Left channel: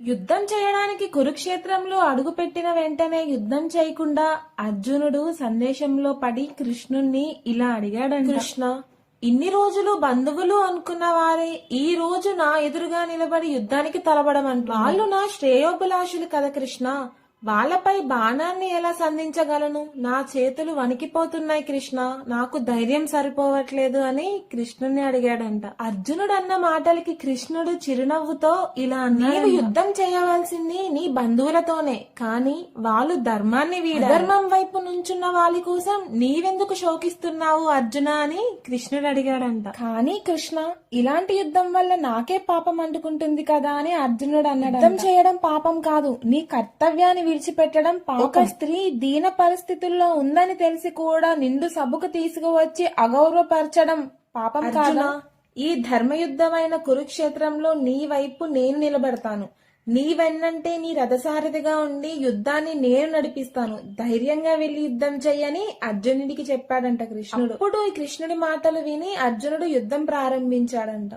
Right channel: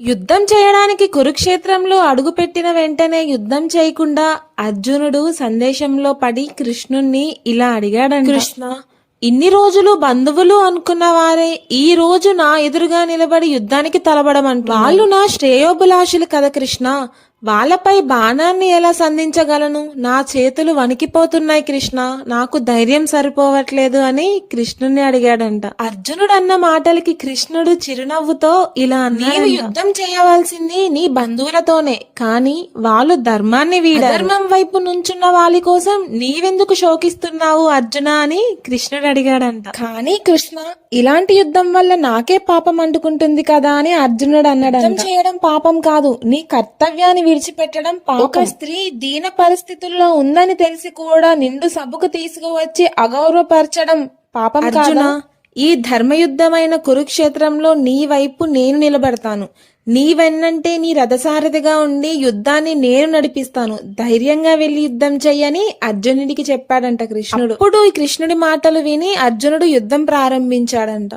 యుద్ధం చేయడానికి కురుక్షేత్రంలో అడుగుపెట్టిన వెంటనే యుద్ధం చేయకుండా అర్జునుడు సందేశంలో పడి కృష్ణుణ్ణి ఇలా అడిగాడంట. కృష్ణ, ఇన్ని రోజులు బంధువులు అనుకున్న వారే ఈ రోజు నా ఎదురుగా నిలబడి యుద్ధానికి తలబడమంట. వాళ్ళు నా శ్రేయోభిలాషులు కదా కృష్ణ, వాళ్ళపై బాణాన్ని ఎలా సంధించగలను? నా చేతులు వణికిపోతున్నాయి కృష్ణ, నాకు ధైర్యం సరిపోవట్లేదు అని కృష్ణుని అడిగాడంట. అర్జునుడు అన్న మాటలకి కృష్ణుడు చిరునవ్వుతో ఇలా అన్నాడు, నీవు యుద్ధం చేయవలసింది నీ బంధువులతోనే, కానీ వాళ్ళు ధర్మాన్ని ధర్మం వైపు నుంచున్న వాళ్ళ కోసం నీవెందుకు శోకిస్తున్నావు అర్జున అని కృష్ణుడు అడిగాడంట. కానీ కృష్ణ, ఇలాంటి యుద్ధం వల్ల నాకే పాపం అంటుకుంటుంది కదా అని అర్జునుడు అన్నాడు. యుద్ధం చేయడం పాపం కాదు, నీ కర్తవ్యాన్ని విడిచిపెట్టడం పాపం. ఒక స్త్రీ దీన పరిస్థితుల్లో ఉందని తెలిసి కూడా నిండు సభకు తీసుకువచ్చి అగౌరవపరచడం పాపం కాదా? ఈ ధర్మయుద్ధమైన కురుక్షేత్రంలో నీ వైపు నేను నిలబడతాను. నీవెన్నంటే నీ రథసారథిగా ఉండి యుద్ధాన్ని నేను నడిపిస్తాను. ధైర్యంగా వెళ్లి యుద్ధం చెయ్యని అర్జునుడికి చెప్పాడంట కృష్ణుడు. అప్పుడు ఈ కృష్ణుడి మాటలు విని అర్జునుడు యుద్ధం ప్రారంభించాడంట.